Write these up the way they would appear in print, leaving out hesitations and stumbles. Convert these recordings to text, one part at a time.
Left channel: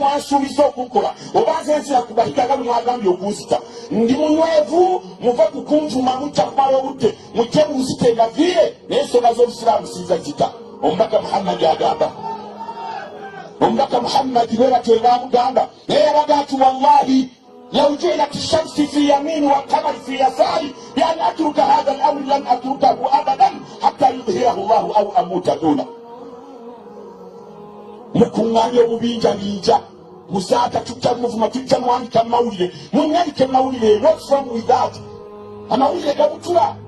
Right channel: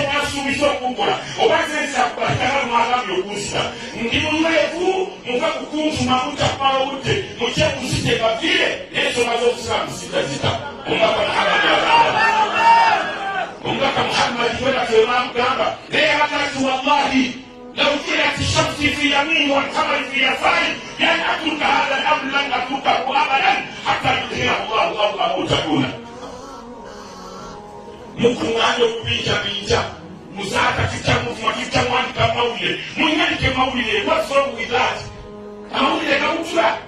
mwasuubiza okukola obanze nsira kubalitaga mwagambye okuzita ndi munywevu muva kukunjuma mujja kumala obudde mujje muzite mbavire n'ensonga z'obusiraamu zizazita omubaka Muhammad agamba omubaka Muhammad bwe batyo bamugamba naye yabaga ati wallahi لو جعلت الشمس في يمين والقمر في يساري بأن أترك هذا الأمر لن أتركه أبدا حتى يظهره الله أو أموت دونه. مكنانه بيجا بيجا مزاتا تجا مفمتجا وانتا مولي منيانك مولي. What's wrong with that? Amawulire gabutula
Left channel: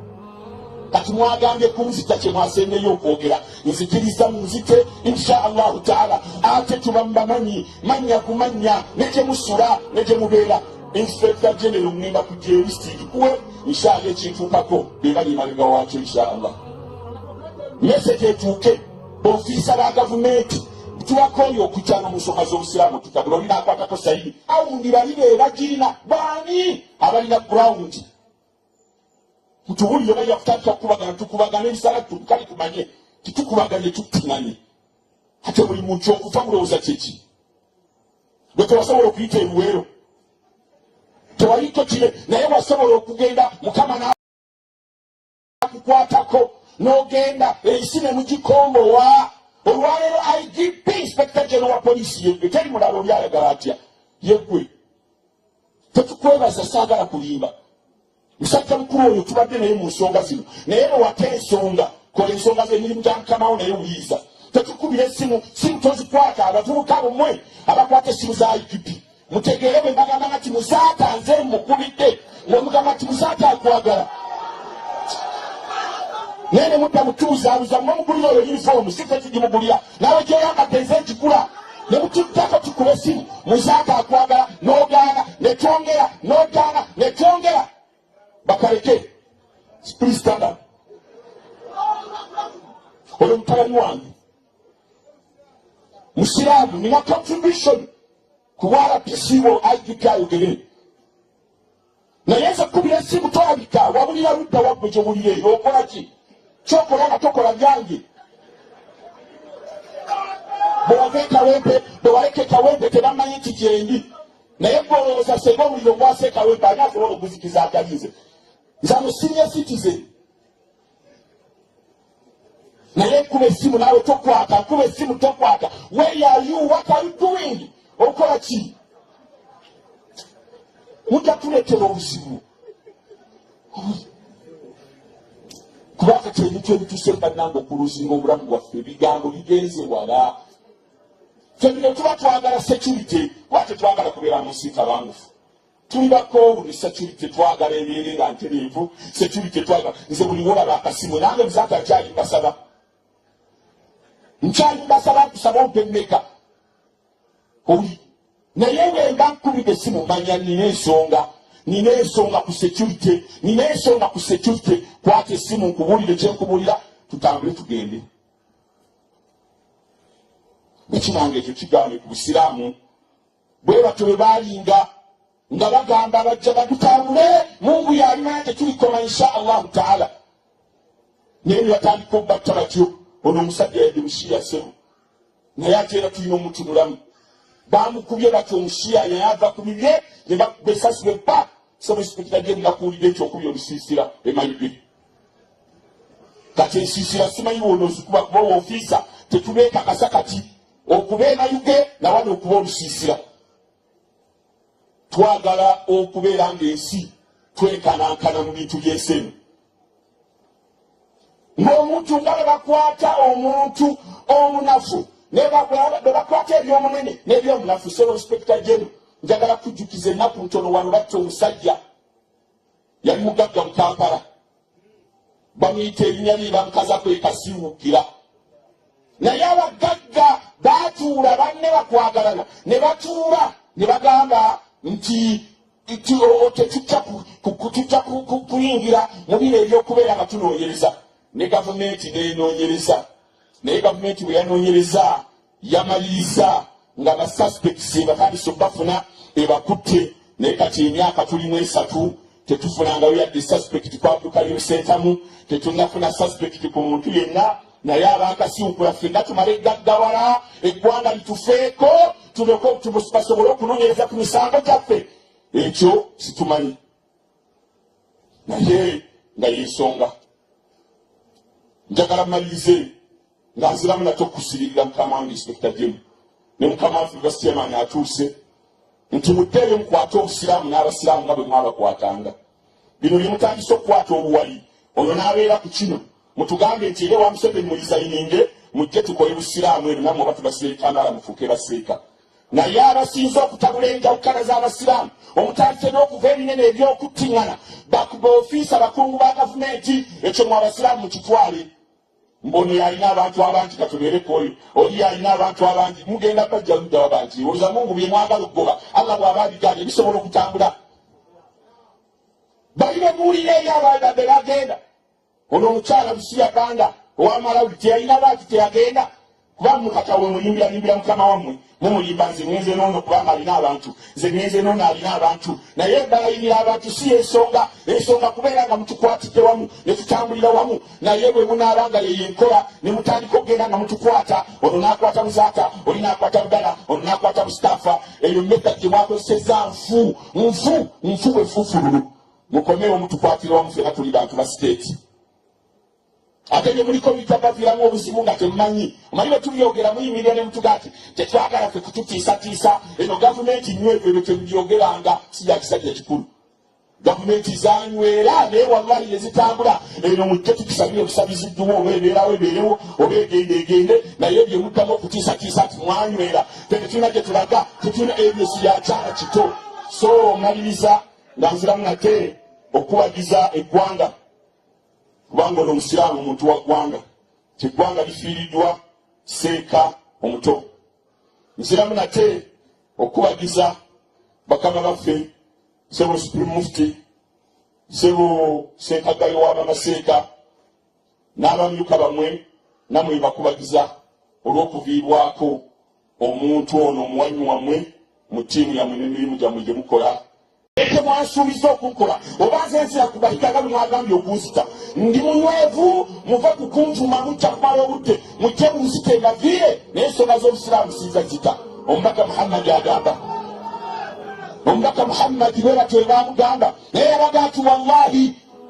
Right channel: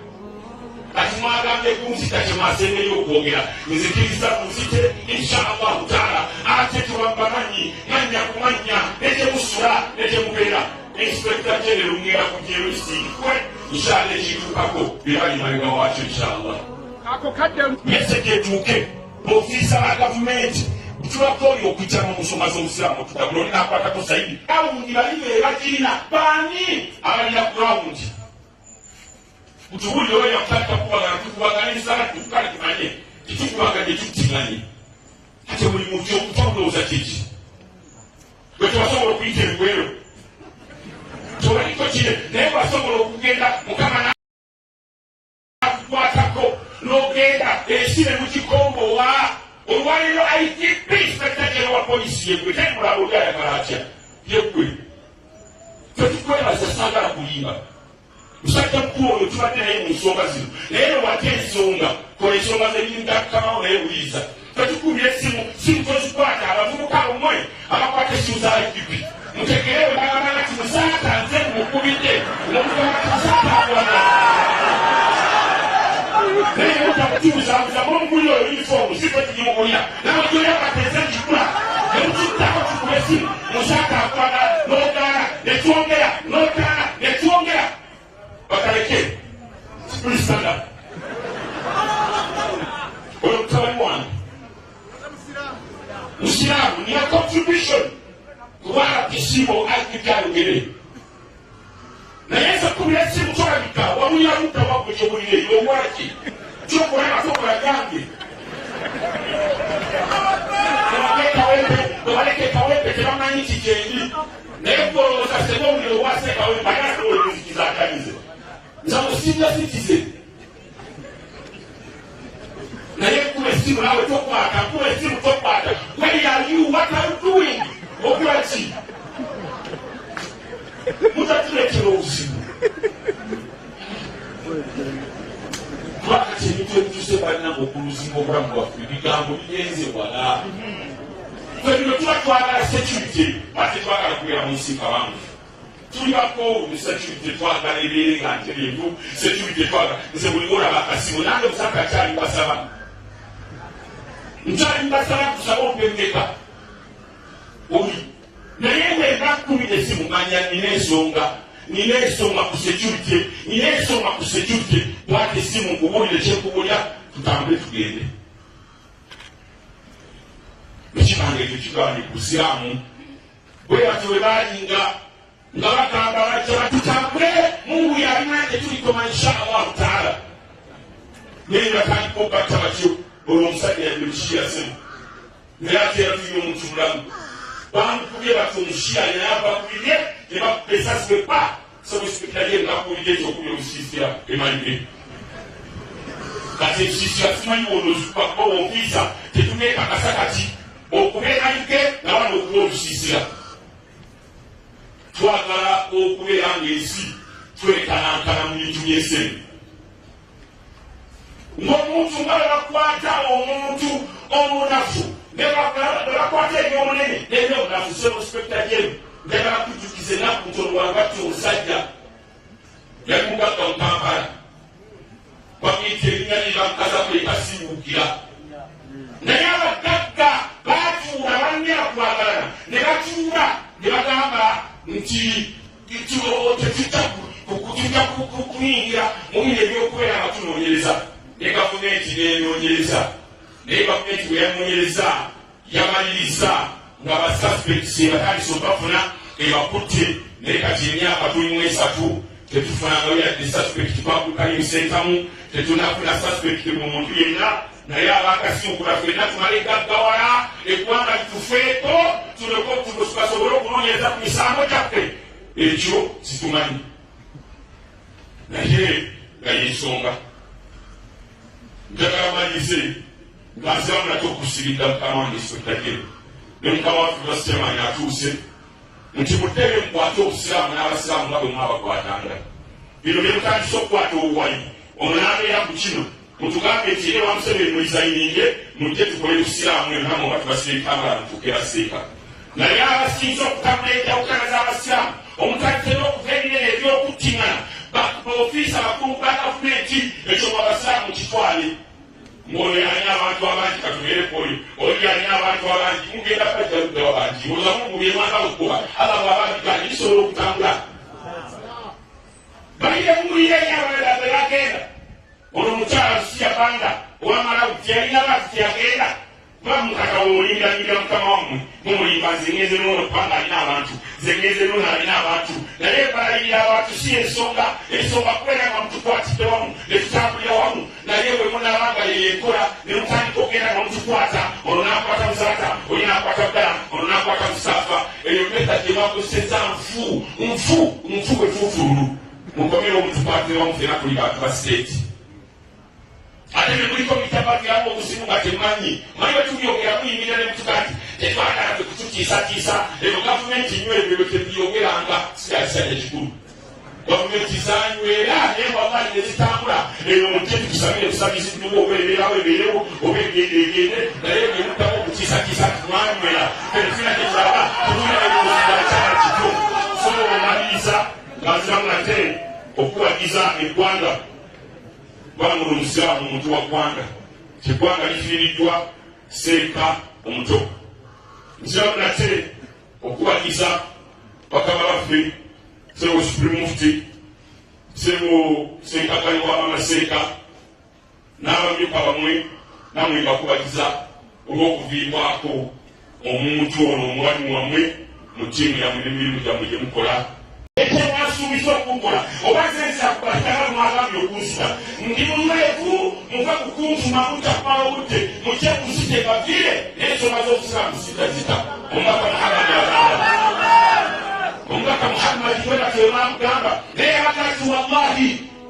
kati mwagambye kumuzita kyemwasembeyo okwogera nzikiriza muzite inshallah taala ate tubambamanyi manya kumanya nekyemusula nekyemubeera inspector general mwira kujerusiikwe inshallah ekituukako bebali mabega waakyo inshallah message etuuke ofisa ba gavumenti tubako oyo okuyitana omusoma z'omusiraamu tutabula olina akwatako sayidi awundi bali bebakiina baani abalina ground kutubulira bali yakutaka tukubagana ensala tukale tumanye titukubaganye tutimanye ate buli muntu okufa mulowooza kiki gwe tewasobola okuyita ebiwero tewaliko kire naye wasobola okugenda mukama nakukwatako n'ogenda ensi ne mugikombowa olwaleero IGP inspector general wa polisi yegwe teri mulala oli ayagala atya yegwe tetukwebaza saagala kuyimba musajja mukulu oyo tubadde naye mu nsonga zino naye nowate ensonga kola ensonga z'emirimu gya mukamawo naye wuliriza tetukubira essimu simu tozikwata abavubuka bomwe abakwata essimu za IGP mutegeere bwe bagambanga ti muzaata nze mukubidde ng'omugamba ti muzaata akwagala naye muta mutuuzaabuza mongulira oyo yunifoomu si tekigimugulya nawe gyoyambateze ekigula ne mututtako tukuba essimu muzaata akwagala n'ogaana ne twongera n'otaana ne twongera bakaleke please stand up oyo mutabani wange musiraamu nina contribution ku RPC wo IGP ayogere naye nze kubira essimu tolabika wabulira ludda wagwe gyowulire eyo okola ki kyokola nga tokola lyange bwewaleka ekawempe tebamanyi nti gyendi naye golowooza senga omuliro gwase ekawempe ani asobola okuzikiza atalize nze am a senior citizen naye kuba essimu naawe tokwata kuba essimu tokwata where are you what are you doing okola ki mujja tuleetera obuzibu kubanga kyemitw ebituuse bananga okuluzinga obulamu bwaffe ebigambo bigenze wala twebino tuba twagala security wate twagala kubeera mu nsi nga bangufu tuli bakoowu security twagala ebeere nga ntereevu security twagala nze buli wolaba akasimu nange muzanga nkyali mbasaba nkusaba ompemmeka oli naye ngemba nkubidde essimu manya nina ensonga ku security nina ensonga ku security kwata essimu nkubulire kyekubulira tutambule tugende ekibange tekigambye ku siraamu bwe batyo bwe baalinga nga bagamba bajja batutambule mungu yalina tetulikoma inshallah taala naye batandika obatta batyo ono omusajja yabishiya ssemu naye ate era tulina omuntu mulamu bamukubye batyo omushiya neava kubirye ne bakuba esasi bwe pa somusipikitajye ngakuwulire ekyokubi obusiisira emalidde kati ensiisira simanyi wono ozikuba kuba owofiisa tetubeekakasa kati okuba emalige nawano okuba olusiisira twagala okubeera ng'ensi twekanankana mu bintu by'ensemi ng'omuntu nga bwe bakwata omuntu omunafu ne bakwata ebyomunene n'ebyomunafu seospecta jeri njagala kujjukiza ennaku ntono wano batta omusajja yali mugagga mu Kampala bamuyita erinnya lye bamukaza kwekasiwukira naye abagagga baatuula banne bakwagalana ne batuula ne bagamba nti tujja kuyingira mu bino ebyokubeera nga tunoonyereza ne gavumenti nenoonyereza naye gavumenti bwe yanoonyereza yamaliriza nga basuspects batandise obafuna ebakutte naye kati emyaka tulimu 3 tetufunangayo yadde suspect kwakukalimusentamu tetunafuna suspect ku muntu yenna naye abakasinkula ffenna tumale gaggawala eggwanga litufeeko tubasobole okunoonyereza ku misango gyaffe ekyo situmanyi naye nga yensonga njagala malirize nga nziramu nate okukusiririra mukama wange inspector general ne mukama waffe basiyamani atuuse nti muteeyo mukwate obusiraamu n'abasiraamu nga bwe mwabakwatanga bino bye mutandise okukwata obuwali ono n'abeera ku kino mutugambe nti era wamuseveni mulizayininge mujje tukole busiraamu eno namwe oba tubaseekambala mufuuke baseeka naye abasinza okutabula enjawukana z'abasiraamu omutandise n'okuva ebinene ebyokuttiŋŋana baofiisa abakungu ba gavumenti ekyo mu abasiraamu mukitwale mbono yalina abantu abangi katubeereko oli yalina abantu abangi mugenda pajja luddawo bangi oluza mungu bye mwagala okugoba allah bw'ababigana bisobola okutambula balina emuwulire eri abalala be bagenda ono omukyala lusiya banga owamalawi teyalina abantu teyagenda kuba mukatawo mulingira mukama wammwe mumulimba nze ngeze noono kubanga alina abantu nze ngeze noono alina abantu naye balayirira abantu si ensonga kubeera nga mutukwatidde wamu ne tutambulira wamu naye bwe munaabanga yeyenkola ne mutandika okgenda nga mutukwata ono n'akwata muzaata oli n'akwata budala ono n'akwata musitafa eyo meta gye mwakozesezza nfu efufululu mukomewo mutukwatire wamu fena tuli bantu ba siteeti ate ne muliko bitababiramu obuzibu nga temumanyi omanyi otumyogera muyimirira ne mutugati tetwagala kwe kututiisatiisa eyo gavumenti nywebwe eyo tebyogeranga sijakisajja kikulu gavumenti zanywera naye wallahi ne zitambula eno mujje tutusabire tusabiziddwa oba ebeerawo ebeerewo oba egende naye bye mutaba okutiisatiisa mwanywera tetulina gye tulaga tutuna ebyesi byakyama kito so maliriza nga nziramu nate okubagiza eggwanga kubanga ono musiraamu omuntu wa ggwanga kyeggwanga lifiiriddwa seeka omuto nziramu nate okubagiza bakama baffe sebo supreme mufti sebo seekagayo w'amaseeka n'abamyuka bamwe namwe bakubagiza olw'okuviibwako omuntu ono omuwalimu wammwe mu ttiimu yammwe n'emirimu gyammwe gye mukola ekyo mwasuubiza okukola oba nze nsira kubalitaga mwagambye okunzita ndi munywevu muva kukunjuma mujja kumala obudde mujje munzite mbavire naye ensonga z'obusiraamu zizita omubaka muhammadi agamba omubaka muhammadi bwe batyo bamugamba naye yabaga ati wallahi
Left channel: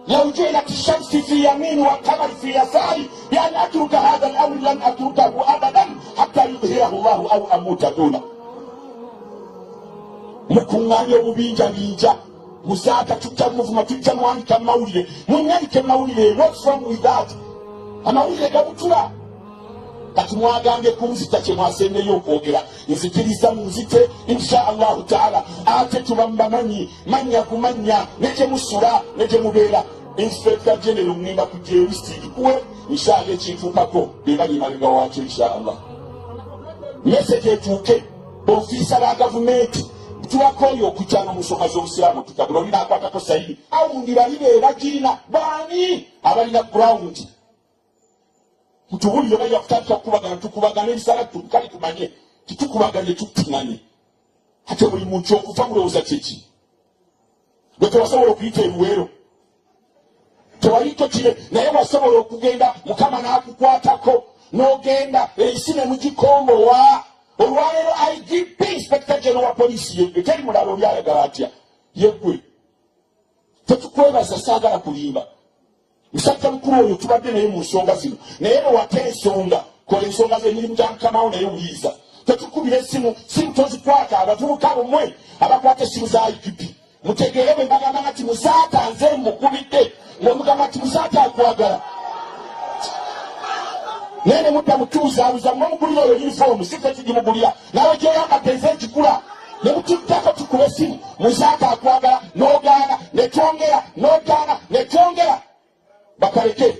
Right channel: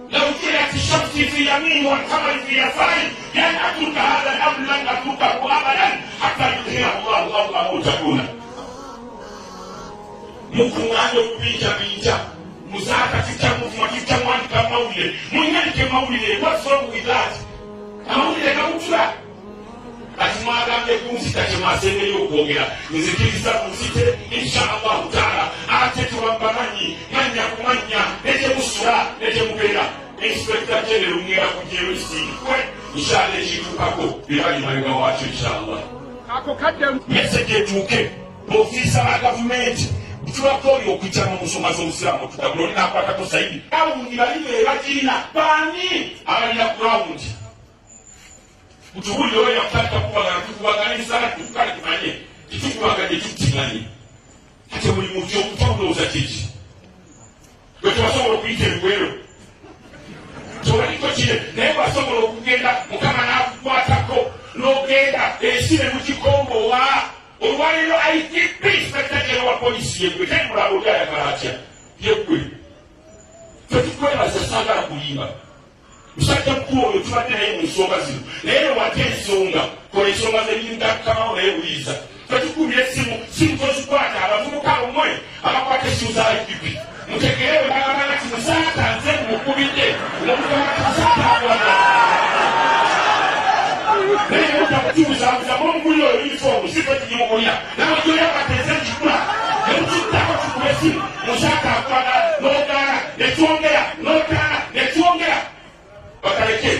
لو جعلت الشمس في يمين والقمر في يساري لأن أترك هذا الأمر لن أتركه أبدا حتى يظهره الله أو أموت دونه mukuŋŋaanya obubinjabinja muzaata tujja muvuma tujja mwandika amawulire munyandike mawulire what's wrong with that amawulire gabutula kati mwagambye kunzita kye mwasembeyo okwogera nzikiriza munzite insha allahu taala ate tuba mubamanyi manya ku manya ne gye musula ne gye mubeera inspector general mniba kujerusiikwe nshade ekituukako bibali mabega waakyo insha allah meseke etuuke ofisa ba gavumenti tuwakoyo okuyitana omusonga z'omusiraamu tutabula oli n'akwatako sayidi awundi balibe bagirina baani abalina ground kutubulire obalya kutandika tukubagana ebisala tukale tumanye titukubaganye tukutinganye ate buli muntu okuva mulowooza kiki gwe tewasobola okuyita ebiwero tewaliko kire naye wasobola okugenda mukama n'akukwatako n'ogenda ensi ne mugikombowa olwaleero IGP inspector general wa polisi yegwe teri mulala oli ayagala atya yegwe tetukwebaza saagala kulimba musajja mukulu oyo tubadde naye mu nsonga zino naye nowate ensonga kola ensonga z'emirimu gya mukamawo naye wuliza tetukubira essimu simu tozikwata abavubuka bomwe abakwata essimu za IGP mutegeere bwe bagamba nti muzaata nze mukubidde ng'omugamba nti muzaata akwagala nene muta mutuuza mugulira oyo uniform site tugimugulira nawe gyoyambateze ekikula ne mututtako tukuba essimu muzaata akwagala n'ogaana ne twongera n'ogaana ne twongera bakaleke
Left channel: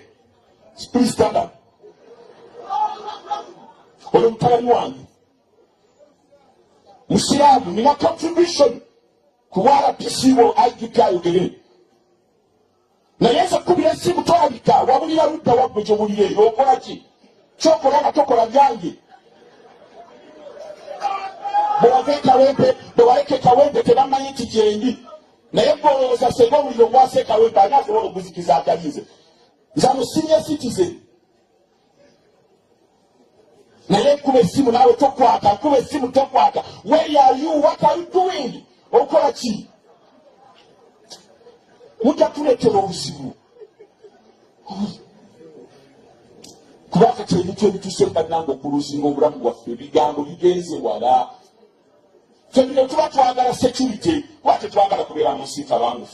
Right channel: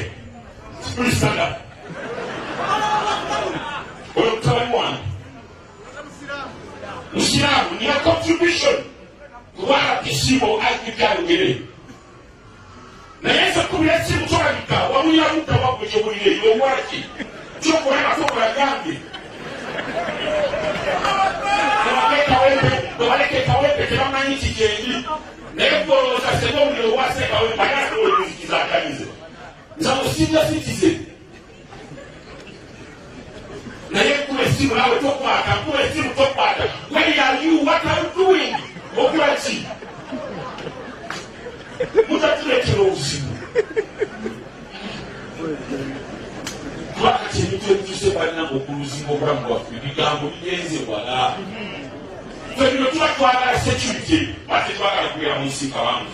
spuli standard oyo mutabani wange musiraamu nina contribution ku RPCO IGP ayogere naye nze kubira essimu tolabika wabulira ludda wagwe gyowulire eyo okola ki kyokola nga tokola byange bwewaleka ekawempe tebamanyi nti gyendi naye golooza senga omuliro gwase ekawempe ani asobola ebizikiza atalize nze mu senior citizen naye kuba essimu naawe tokwata, kuba essimu tokwata. Where are you? What are you doing? Okola ki? Mutatuleetera obuzibu. Kubanga kyemitwe ebituuse bannange okuluzinga obulamu bwaffe, ebigambo bigenze wala. Twebino tuba twagala security, kuba tetwagala kubeera mu nsi abantu.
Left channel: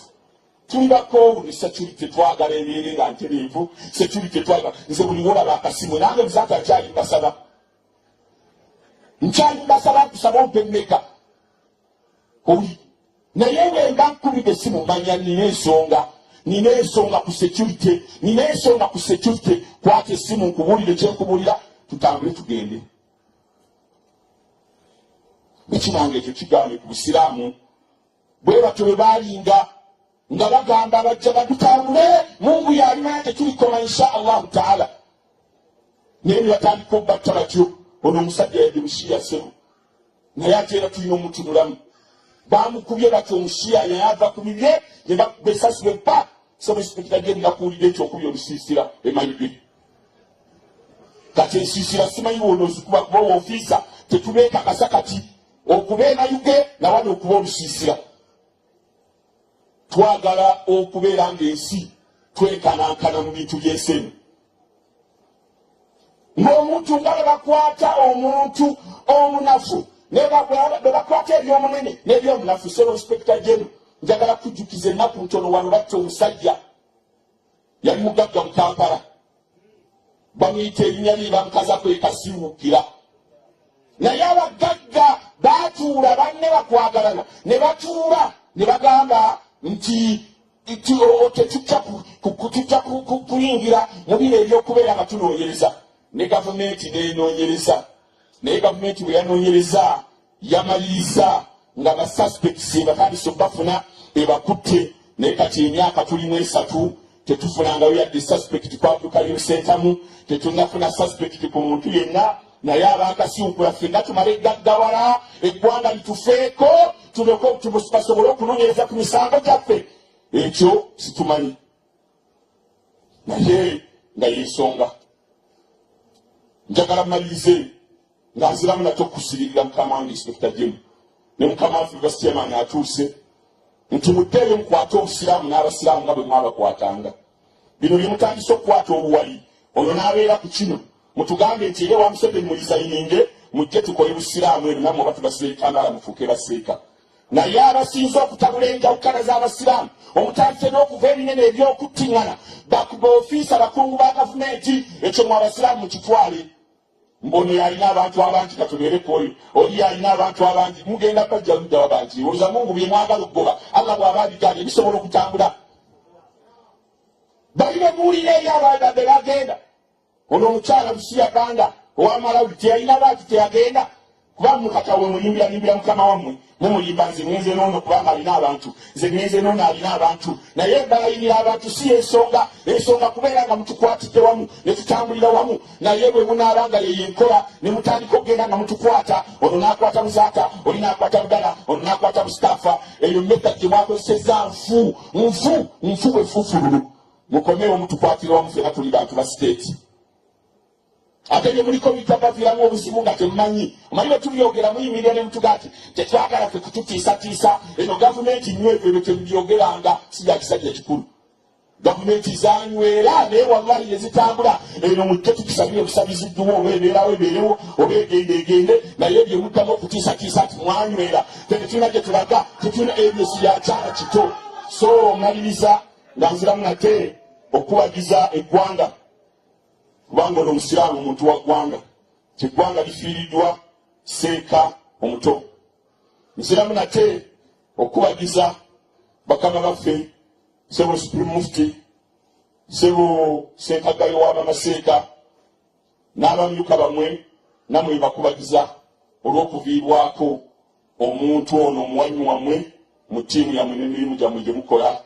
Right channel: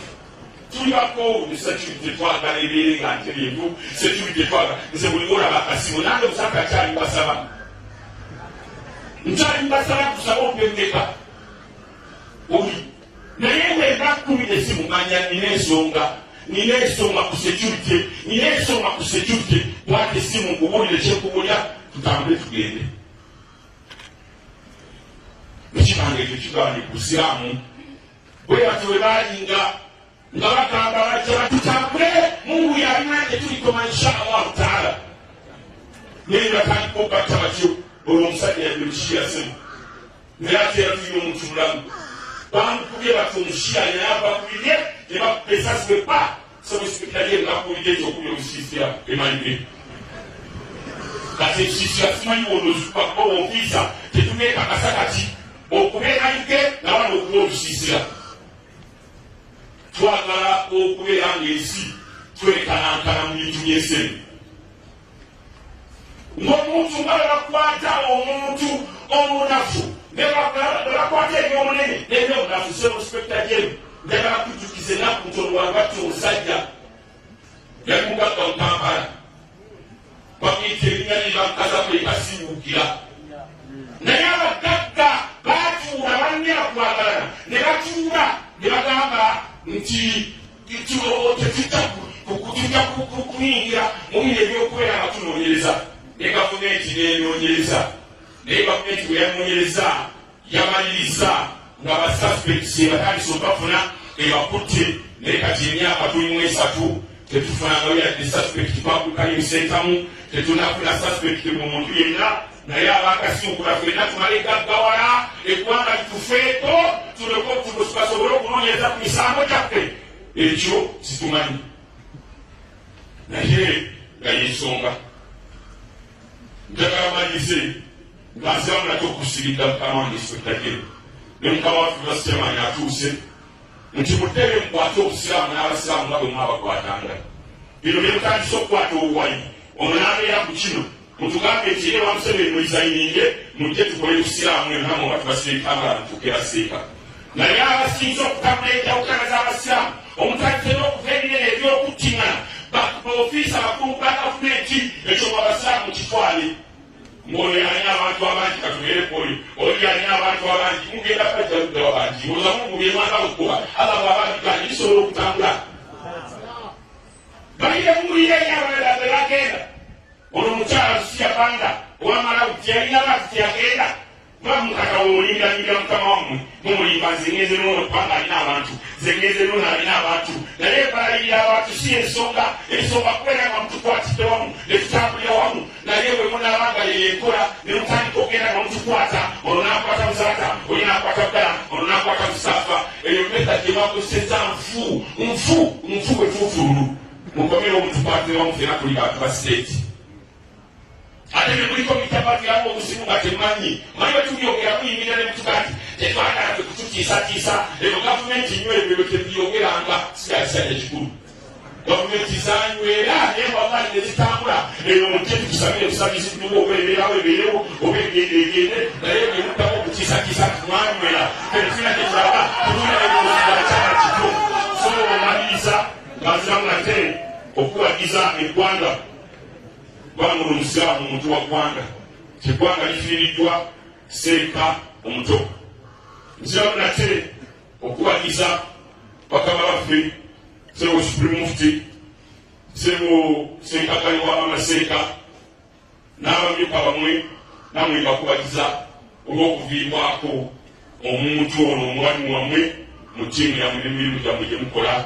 Tulibako security twagala ebeere nga ntereevu, security twagala. Nze buli olaba akasimu nange muzanga nkyali mbasaba. Nkyali mbasaba nkusaba ompemmeka. Oli naye nga mba nkumidde essimu mmanya nina ensonga ku security, nina ensonga ku security. Kwata essimu nkubuulire kyekubulira, tutambule tugende. Ekibange tekigambye ku Busiraamu bwe batyo bwe baalinga nga bagamba bajja batutambule, Mungu yalina tetulikoma insha Allahu taala. Naye batandika okubatta batyo. Ono omusajja yabemushiya ssemu naye ate era tulina omuntu mulamu. Bamukubye batyo omushiya naye ava kubirye ne bakuba esasi bwepa. Semusipikitadde ngakuwulira ekyokubi olusiisira emanyige. Kati ensiisira simanyi wonoozikuba kuba wonfiisa tetubeekakasa kati okuba emanyige nawano okuba olusiisira. Twagala okubeera ng'ensi twekanankana mu bintu by'ensemi. Ng'omuntu nga bwe bakwata omuntu omunafu ne bakwata ebyomunene n'ebyomunafu. Inspector General njagala kujjukiza ennaku ntono wano batta omusajja yali mugagga mu Kampala, bamuyita erinnya lye bamukaza kwekasiiwukira. Naye abagagga baatuula banne bakwagalana ne batuula ne bagamba nti tetujja kuyingira mu biro ebyokubeera nga tunoonyereza. Ne gavumenti nenoonyereza, naye gavumenti bwe yanoonyereza yamaliriza nga basuspects batandise obafuna ebakutte. Naye kati emyaka tulimu 3 tetufunangayo yadde suspect twakutalimsentamu, tetunafuna suspect ku muntu yenna. Naye abakasiwukula ffenna tumale gaggawala eggwanga litufeeko tubasobole okunoonyereza ku misango gyaffe. Ekyo situmanyi naye nga yensonga. Njagala mmalirize nga nziramu nate okukusibirira mukama wange Inspector General ne mukama waffe Basitiamani atuuse nti muteebe mukwate Obusiraamu n'Abasiraamu nga bwe mwabakwatanga. Bino bye mutandise okukwata obuwali, ono n'abeera ku kino mutugambe nti ye wamusebeni mulizayininge mujje tukole Busiraamu eno nammwe oba tubasire ebitambala mufuuke baseeka. Naye abasinza okutabula enjawukana z'Abasiraamu omutandise n'okuva ebinene ebyokuttiŋŋana bakuba ofiisa abakungu ba gavumenti, ekyo mu Abasiraamu kitwale. Mbono yalina abantu abangi katubeere poli, oli yalina abantu abangi mugenda pajja ludda wabangi. Olza Mungu bye mwagala okugoba Allah bw'abaabiganye bisobola okutambula. Balina ebuulire eri abalala be bagenda. Ono omukyala Lusiya Banga ow'Amalawi teyalina baati teyagenda kuba mukatawe mulimbira mukama wammwe mumulimba nze ngeze n'ono kubanga alina abantu, nze ngeze n'ono alina abantu. Naye balayirira abantu si ensonga kubeera nga mutukwatidde wamu ne tutambulira wamu. Naye bwe munaabanga yeyenkola ne mutandika okugenda nga mutukwata, ono n'akwata Muzaata, oli n'akwata Bugala, ono n'akwata Mustapha. Eyo method gye mwakozesezza nfu efuufululu. Mukomewo mutukwatire wamu ffenna tuli bantu ba state. Ate ne muliko bitababiramu obuzibu nga temumanyi. Omanyi otubyogera muyimirira ne mutugati tetwagala kututiisatiisa. Eyo gavumenti nywebwe eyo tebyogeranga si bya kisajja kikulu. Gavumenti zanywera naye wallahi ne zitambula. Eyo mujje tutusabire tusabiziddwa oba ebeerawo ebeerewo oba egende naye bwe mutamu okutiisatiisa mwanywera. Tetulina gye tulaga tutuna ebyosi bya kyaka kito. So maliriza nga nziramu nate okuwagiza eggwanga. Kubanga ono Omusiraamu muntu wa ggwanga, teggwanga lifiiriddwa Seeka omuto. Nziramu nate okubagiza bakama baffe Ssebo Supreme Mufti, Ssebo Ssenkagale wa Bamaseeka n'abamyuka bamwe nammwe bakubagiza olw'okuviirwako omuntu ono omwami wammwe mu ttiimu yammwe n'emirimu gyammwe gye mukola.